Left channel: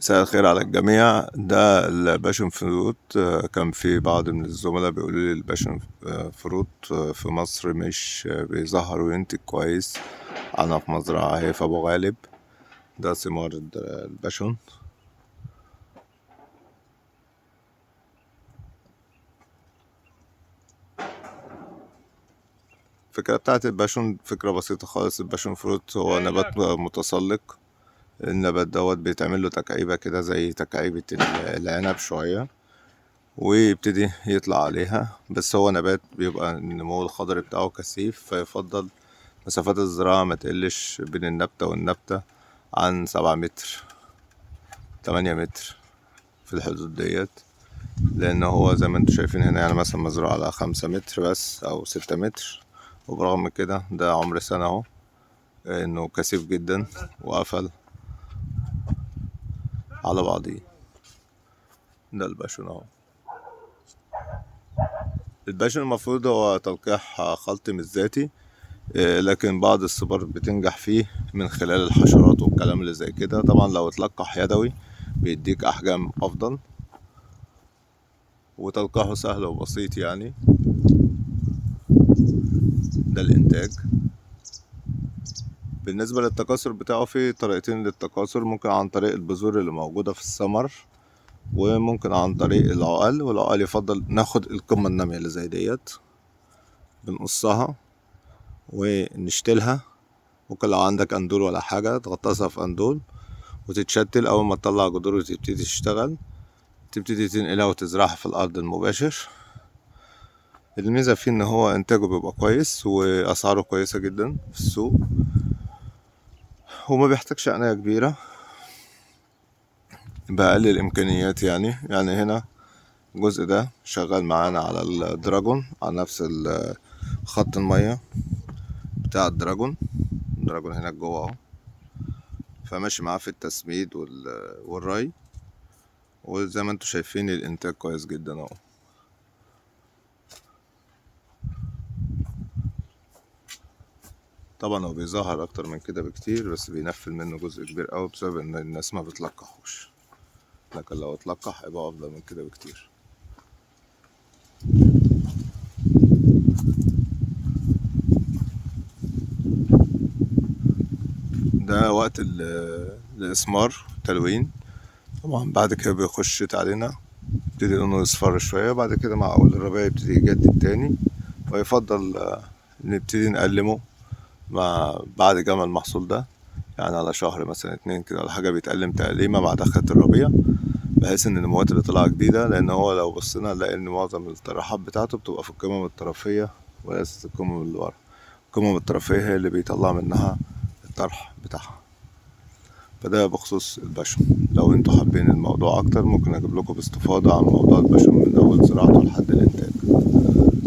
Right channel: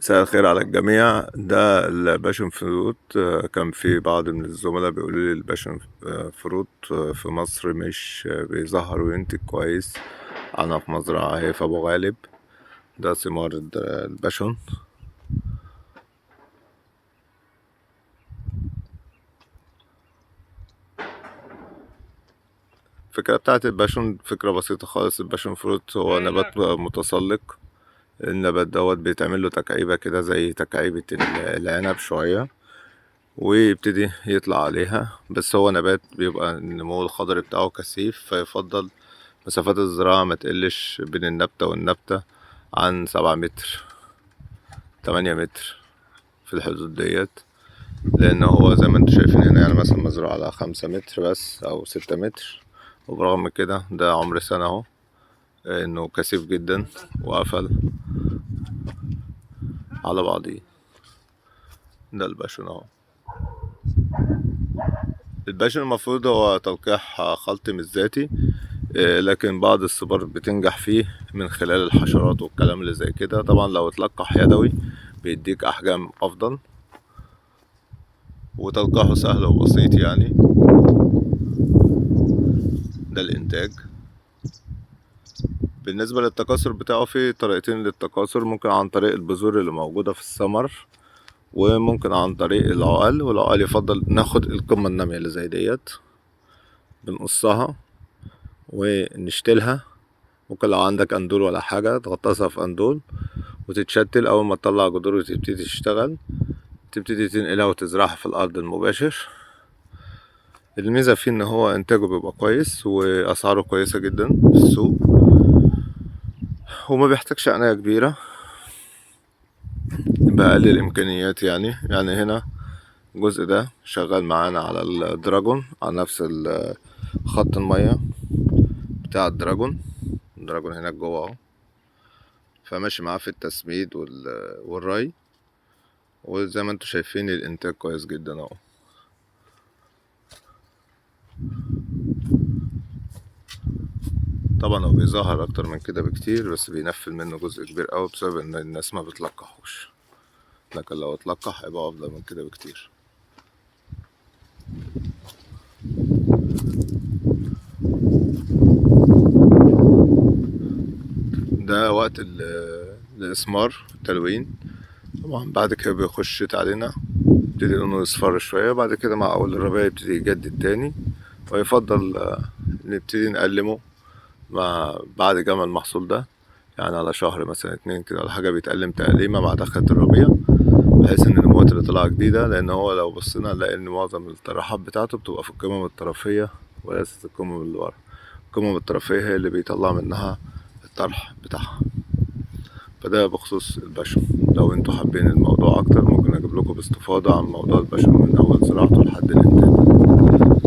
مساء الخير على الجميع. ده الباشن فروت. كان في بعض من الزملاء بيقولوا لي الباشن فروت في مصر مش بيظهر وينتج كويس. أنا في مزرعة هي في أبو غالب. ده ثمار الباشن. الفكرة بتاعت الباشن فكرة بسيطة خالص. الباشن فروت هو نبات متسلق. النبات دوت بيتعمل له تكعيبة كده زي تكعيبة العنب شوية، ويبتدي يطلع عليها. بس هو نبات بيبقى النمو الخضري بتاعه كثيف، فيفضل مسافات الزراعة ما تقلش بين النبتة والنبتة عن 7 متر 8 متر، في الحدود ديت. لأن هو زي ما انتوا شايفين هنا يعني مثلا مزروع على 5 متر بس أو 6 متر، وبرغم كده ده عمر سنة اهو، انه كثيف جدا وقفل على بعضيه. ده الباشون اهو. الباشون المفروض هو تلقيح خلطي مش ذاتي، لكن بعض الصبار بتنجح فيه من خلال الحشرات والكلام اللي زي كده. طبعا لو اتلقح يدوي بيديك أحجام أفضل، وتلقيحه سهل وبسيط يعني. ده الإنتاج. بالنسبة للتكاثر بتاعه في طريقتين للتكاثر، ممكن عن طريق البذور اللي موجودة في الثمر، وممكن عن طريق العقل. والعقل يفضل ناخد القمة النامية اللي زي ديت، بنقصها ونشتلها. ممكن لو عندك اندول ولا حاجة تغطسها في اندول وتتشتل. أول ما تطلع جذور وتبتدي تشتغل، تبتدي تنقلها وتزرعها في الأرض المباشر. الميزة فيه إن هو إنتاجه بيبقى كويس وأسعاره كويسة جدا في السوق، وما بيحتاجش عناية كبيرة بأقل الإمكانيات. يعني هنا الجزء ده شغال معانا على الدراجون، على نفس خط المية بتاع الدراجون هناك جوه اهو. فماشي معاه في التسميد والري، وزي ما انتوا شايفين الإنتاج كويس جدا اهو. طبعا هو بيظهر اكتر من كده بكتير، بس بينفل منه جزء كبير اوي بسبب ان الناس ما بتلقحوش، لكن لو اتلقح هيبقى افضل من كده بكتير. ده وقت الاسمار التلوين. طبعا بعد كده بيخش شتاء علينا، يبتدي لونه يصفر شوية. بعد كده مع أول الربيع يبتدي يجدد تاني، ويفضل نبتدي نقلمه بعد جمع المحصول ده، يعني على شهر مثلا 2 كده ولا حاجة، بيتقلم تقليمة بعد آخر الربيع، بحيث ان النموات اللي طالعة جديدة. لان هو لو بصينا نلاقي ان معظم الطراحات بتاعته بتبقى في القمم الطرفية وليست القمم اللي ورا. القمم الطرفية هي اللي بيطلع منها الطرح بتاعها. فده بخصوص البشر. لو انتوا حابين الموضوع اكتر ممكن اجيب لكم باستفاضة عن موضوع البشر من اول زراعته لحد الانتاج.